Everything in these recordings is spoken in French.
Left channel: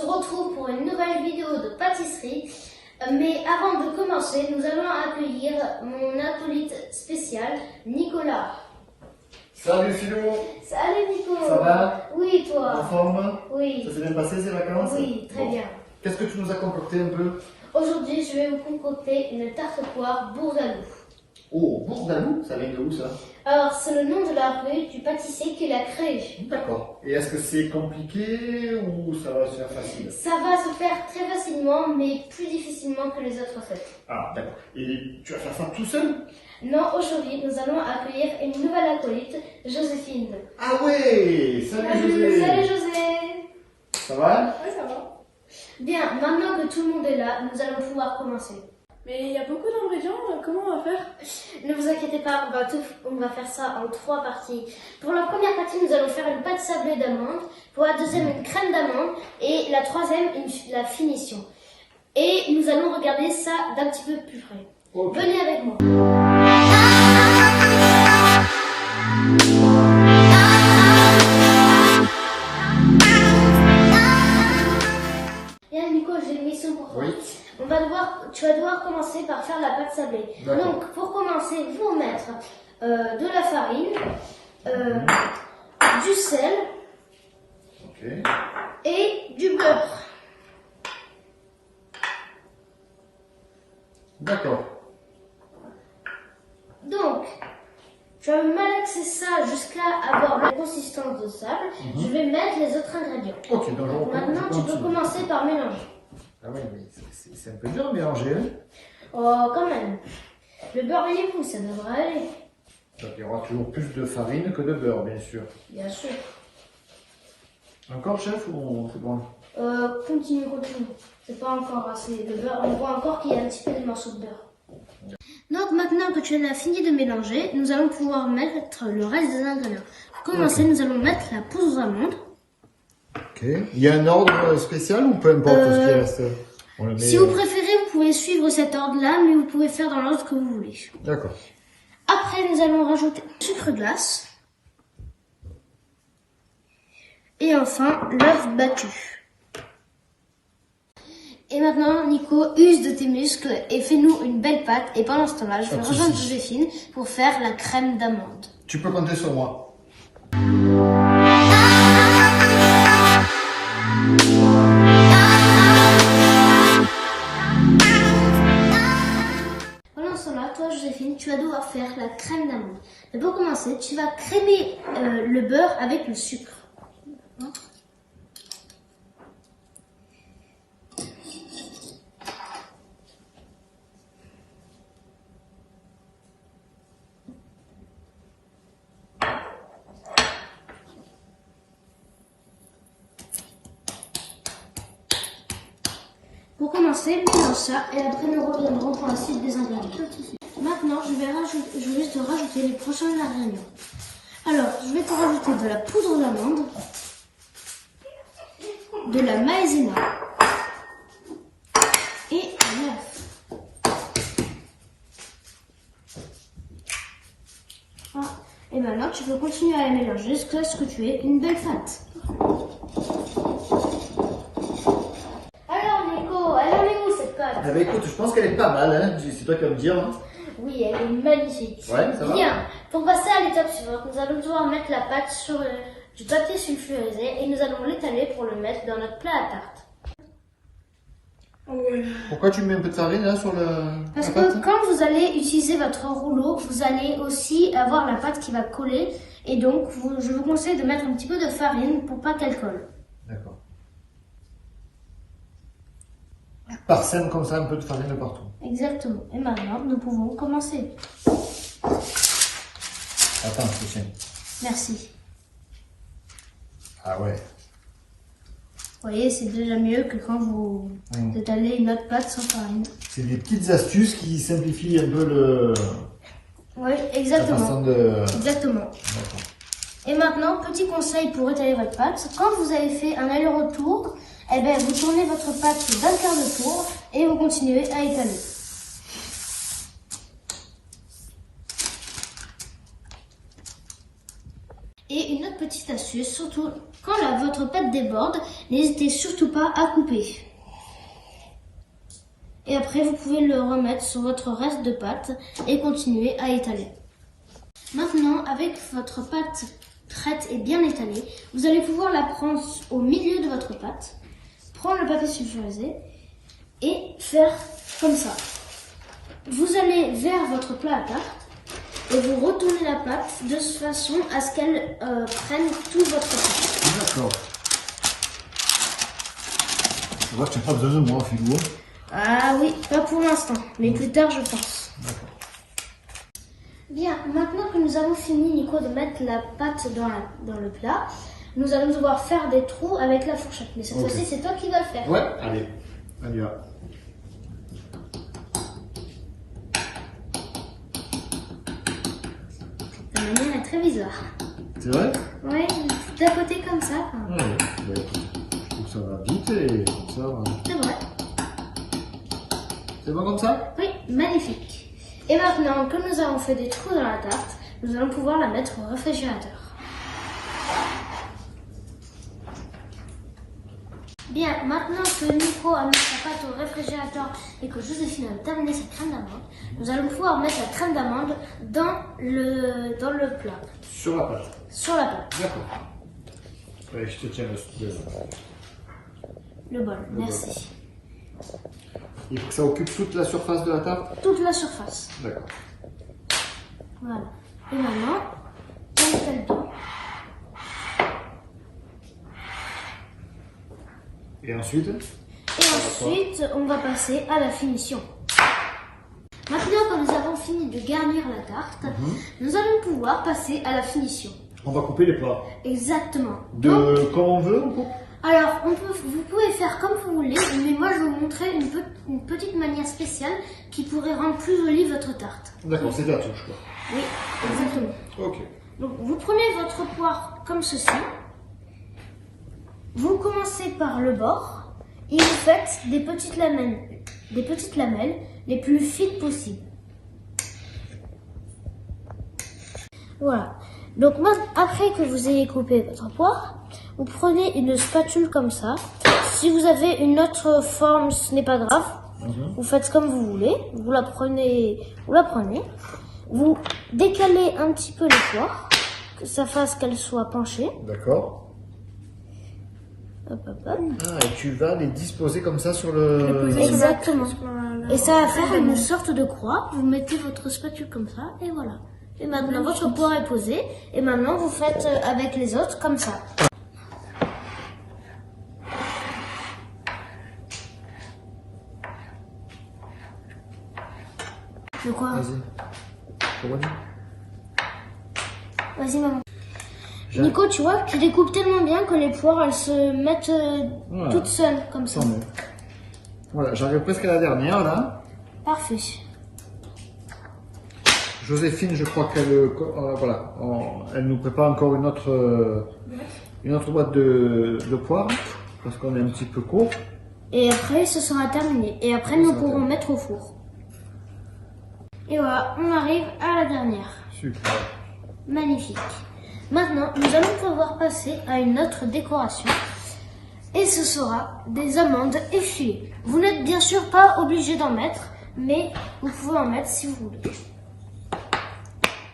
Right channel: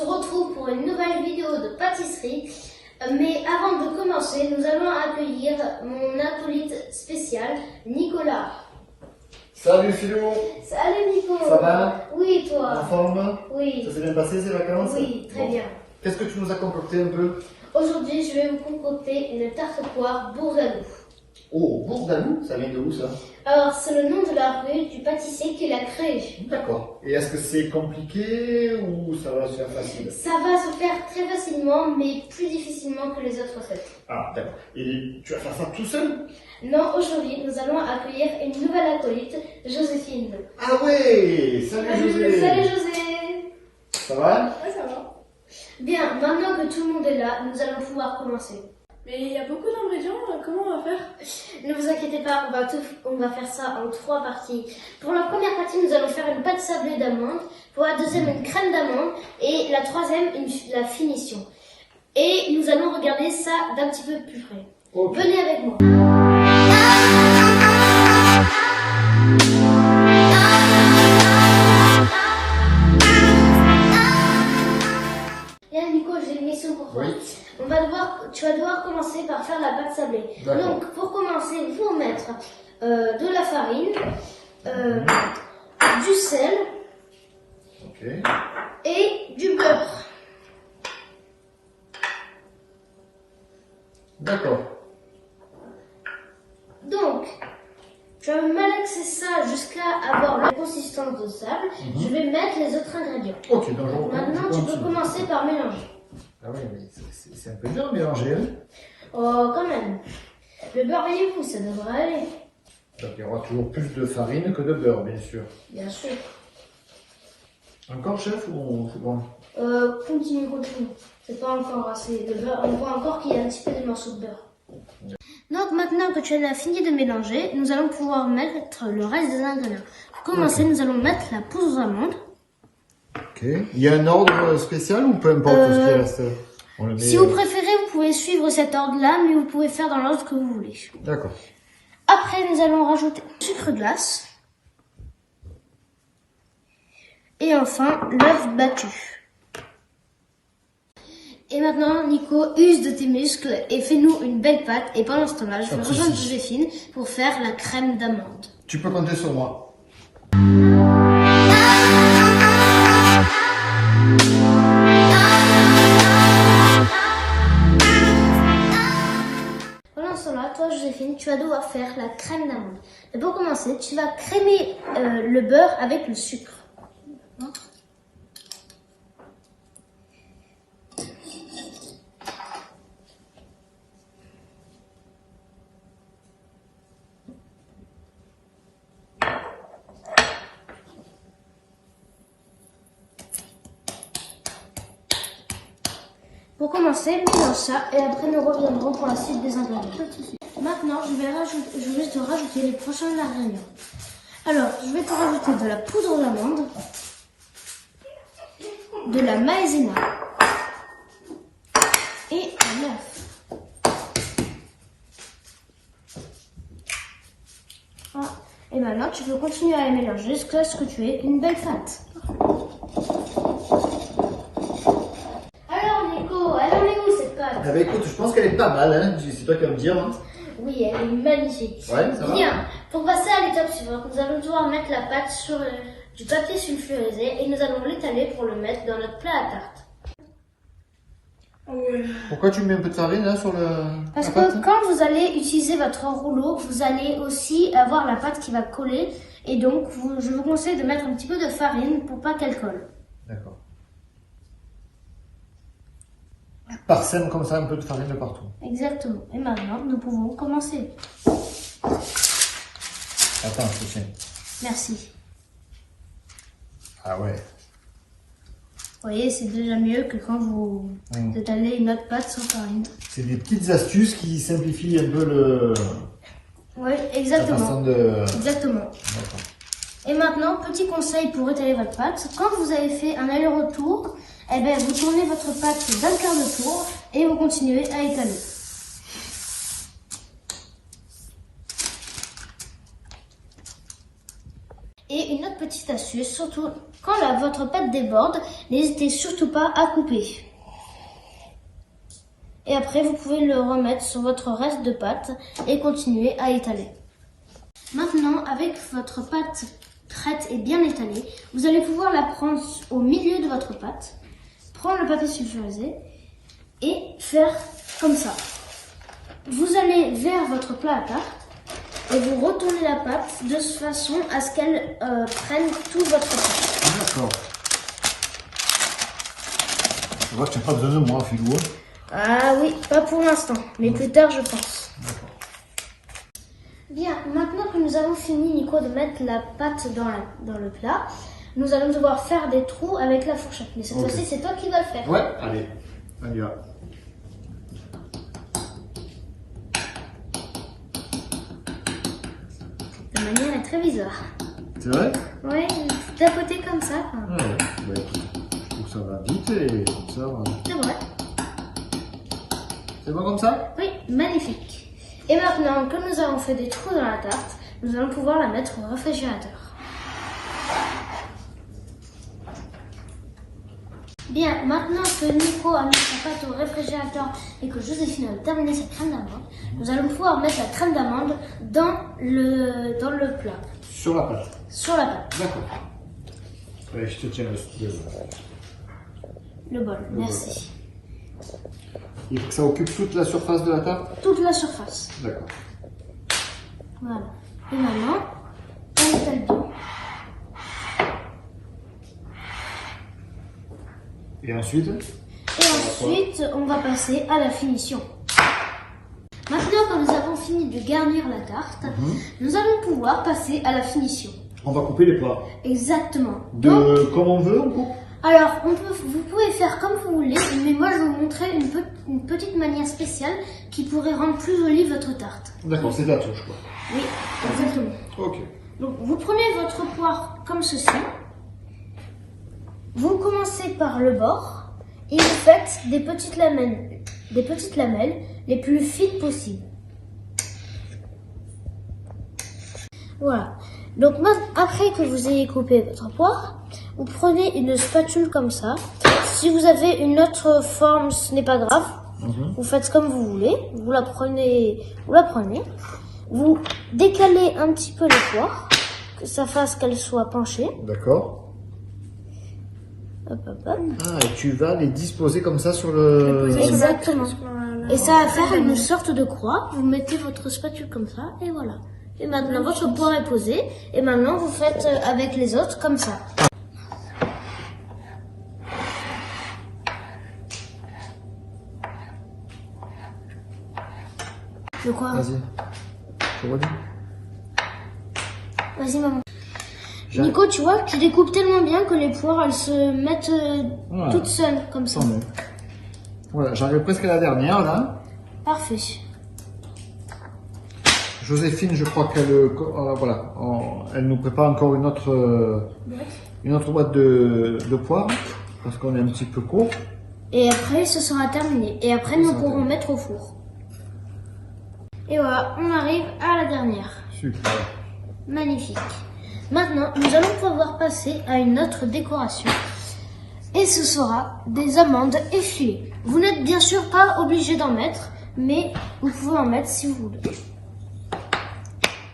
se retrouve pour une nouvelle vidéo de pâtisserie. Mais avant de commencer, nous allons accueillir mon acolyte spécial, Nicolas. Salut Philo. Salut Nico. Ça va? Oui, toi? En forme? Oui. Ça s'est bien passé ces vacances? Oui, très bien. Qu'est-ce que tu nous as concocté un peu? Aujourd'hui, je vais vous concocter une tarte poire bourdaloue. Oh, bourdaloue, ça vient de où ça? Alors, c'est le nom de la rue du pâtissier qui l'a créé. D'accord. Et est-ce que c'est compliqué ou ça va se faire facile? Ça va se faire très facilement, mais plus difficilement que les autres recettes. Ah, d'accord. Et tu vas faire ça tout seul? Non, aujourd'hui, nous allons accueillir une nouvelle acolyte, Joséphine. Ah ouais! Salut José! Salut José. Ça va? Ouais, ça va. Bien, maintenant que tout le monde est là, nous allons pouvoir commencer. Mais il y a beaucoup d'ingrédients, comment on va faire? Ne vous inquiétez pas, on va faire ça en 3 parties. Pour la première partie, nous allons faire une pâte sablée d'amandes. Pour la deuxième, une crème d'amande. Et la troisième, la finition. Et nous allons regarder ça d'un petit peu plus près. Okay. Venez avec moi. Bien, Nico, j'ai une mission pour toi. Oui. Tu vas devoir commencer par faire la pâte sablée. D'accord. Donc, pour commencer, il faut mettre de la farine, du sel Ok. et du beurre. D'accord. Donc, je vais malaxer ça jusqu'à avoir la consistance de sable. Je vais mettre les autres ingrédients. Ok, donc je Maintenant, tu peux commencer par mélanger. Ah oui, c'est un peu dur à mélanger. Hein? Oh, quand même. Le beurre et vous, ça devrait aller. Donc il y aura toujours plus de farine que de beurre, bien sûr. Bien sûr. Encore, chef, ou c'est bon? Continue. C'est pas encore assez de beurre. On voit encore qu'il y a un petit peu de morceaux de beurre. Donc maintenant que tu as fini de mélanger, nous allons pouvoir mettre le reste des ingrédients. Pour commencer, nous allons mettre la poudre d'amande. Ok. Il y a un ordre spécial ou peu importe ce qui reste? On le met, Si vous préférez, vous pouvez suivre cet ordre-là, mais vous pouvez faire dans l'ordre que vous voulez. D'accord. Après, nous allons rajouter le sucre glace. Et enfin, l'œuf battu. Et maintenant, Nico, use de tes muscles et fais-nous une belle pâte. Et pendant ce temps-là, je vais rejoindre Joséphine pour faire la crème d'amande. Tu peux compter sur moi. Pendant ce temps-là, toi, Joséphine, tu vas devoir faire la crème d'amande. Et pour commencer, tu vas crémer le beurre avec le sucre. Pour commencer, mélange ça et après nous reviendrons pour la suite des ingrédients. Maintenant, je vais juste te rajouter les prochains ingrédients. Alors, je vais te rajouter de la poudre d'amande, de la maïzena et de l'œuf. Ah, et maintenant, tu peux continuer à la mélanger jusqu'à ce que tu aies une belle pâte. Ah bah écoute, je pense qu'elle est pas mal, hein. C'est toi qui vas me dire. Hein. Oui, elle est magnifique. Ouais, ça va. Bien, pour passer à l'étape suivante, nous allons devoir mettre la pâte sur du papier sulfurisé et nous allons l'étaler pour le mettre dans notre plat à tarte. Pourquoi tu mets un peu de farine là sur le... Parce la que pâte? quand vous allez utiliser votre rouleau, vous allez aussi avoir la pâte qui va coller et donc je vous conseille de mettre un petit peu de farine pour pas qu'elle colle. D'accord. Parsème comme ça un peu de farine de partout. Exactement. Et maintenant, nous pouvons commencer. Attends, c'est ça. Merci. Ah ouais. Vous voyez, c'est déjà mieux que quand vous étalez une autre pâte sans farine. C'est des petites astuces qui simplifient un peu le... Oui, la exactement. façon de... Exactement. D'accord. Et maintenant, petit conseil pour étaler votre pâte. Quand vous avez fait un aller-retour, eh bien, vous tournez votre pâte 24 de tour et vous continuez à étaler. Et une autre petite astuce, surtout quand votre pâte déborde, n'hésitez surtout pas à couper. Et après, vous pouvez le remettre sur votre reste de pâte et continuer à étaler. Maintenant, avec votre pâte prête et bien étalée, vous allez pouvoir la prendre au milieu de votre pâte, prendre le papier sulfurisé et faire comme ça. Vous allez vers votre plat à tarte et vous retournez la pâte de façon à ce qu'elle prenne tout votre pâte. D'accord. Je vois que tu n'as pas besoin de moi, Philou. Ah oui, pas pour l'instant, mais plus tard je pense. Bien, maintenant que nous avons fini, Nico, de mettre la pâte dans le plat, nous allons devoir faire des trous avec la fourchette. Mais cette fois-ci, c'est toi qui vas le faire. Ouais, allez, on y va. La manière est très bizarre. C'est vrai? Oui, d'un côté comme ça. Ouais, tout ça va vite et tout ça. C'est vrai. C'est bon comme ça? Oui, magnifique. Et maintenant que nous avons fait des trous dans la tarte, nous allons pouvoir la mettre au réfrigérateur. Bien, maintenant que Nico a mis sa pâte au réfrigérateur et que Joséphine a terminé sa crème d'amande, nous allons pouvoir mettre la crème d'amande dans le plat. Sur la pâte. Sur la pâte. D'accord. Ouais, je te tiens Le bol, merci. Il faut que ça occupe toute la surface de la table? Toute la surface. D'accord. Voilà. Et maintenant, on étale bien. Et ensuite? Et ensuite, on va passer à la finition. Maintenant, quand nous avons fini de garnir la tarte, nous allons pouvoir passer à la finition. On va couper les plats. Exactement. Comme on veut, on coupe? Alors, vous pouvez faire comme vous voulez, mais moi je vais vous montrer une petite manière spéciale qui pourrait rendre plus jolie votre tarte. D'accord, c'est de la touche, quoi. Oui, exactement. Ok. Donc, vous prenez votre poire comme ceci. Vous commencez par le bord et vous faites des petites lamelles les plus fines possibles. Voilà. Donc après que vous ayez coupé votre poire, vous prenez une spatule comme ça. Si vous avez une autre forme, ce n'est pas grave. Vous faites comme vous voulez. Vous la prenez. Vous décalez un petit peu les poires, que ça fasse qu'elles soient penchées. D'accord. Hop, hop, hop. Ah, et tu vas les disposer comme ça sur le... Exactement. Et ça va faire une sorte de croix. Vous mettez votre spatule comme ça et voilà. Et maintenant votre poire est posée. Et maintenant vous faites avec les autres comme ça. De quoi? Vas-y. Vas-y maman. Nico, tu vois, tu découpes tellement bien que les poires elles se mettent toutes seules comme ça. Voilà, j'arrive presque à la dernière là. Parfait. Joséphine, je crois qu'elle elle nous prépare encore une autre boîte de poires parce qu'on est un petit peu court. Et après, ce sera terminé. Et après, nous pourrons mettre au four. Et voilà, on arrive à la dernière. Super. Magnifique. Maintenant, nous allons pouvoir passer à une autre décoration. Et ce sera des amandes effilées. Vous n'êtes bien sûr pas obligé d'en mettre, mais vous pouvez en mettre si vous voulez.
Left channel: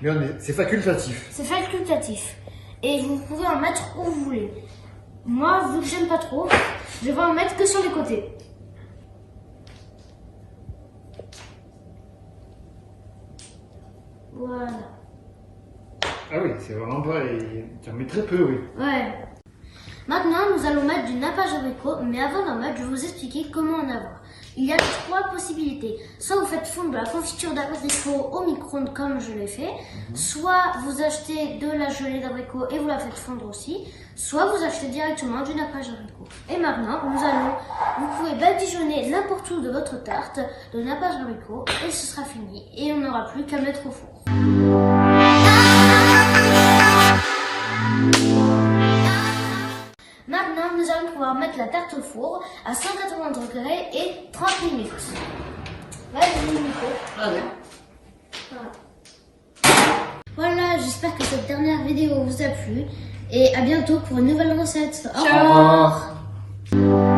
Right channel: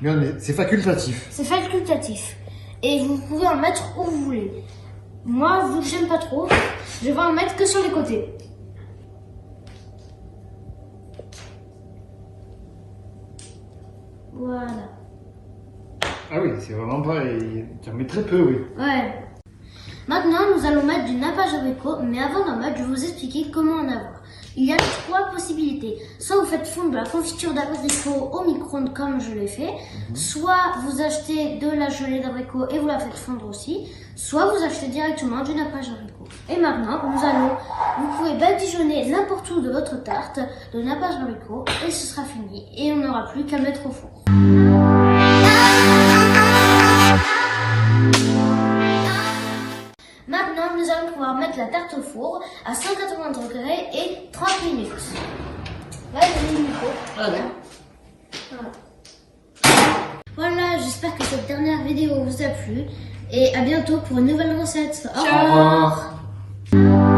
Mais c'est facultatif. C'est facultatif. Et vous pouvez en mettre où vous voulez. Moi, vu que j'aime pas trop, je vais en mettre que sur les côtés. Voilà. Ah oui, c'est vraiment pas... Tu en mets très peu, oui. Ouais. Maintenant, nous allons mettre du nappage abricot, mais avant d'en mettre, je vais vous expliquer comment en avoir. Il y a 3 possibilités. Soit vous faites fondre de la confiture d'abricot au micro-ondes comme je l'ai fait, soit vous achetez de la gelée d'abricot et vous la faites fondre aussi, soit vous achetez directement du nappage abricot. Et maintenant, vous pouvez badigeonner n'importe où de votre tarte de nappage abricot et ce sera fini. Et on n'aura plus qu'à mettre au four. Maintenant, nous allons pouvoir mettre la tarte au four à 180 degrés et 30 minutes. Vas-y, Nico. Allez. Voilà, j'espère que cette dernière vidéo vous a plu. Et à bientôt pour une nouvelle recette. Au Ciao. revoir.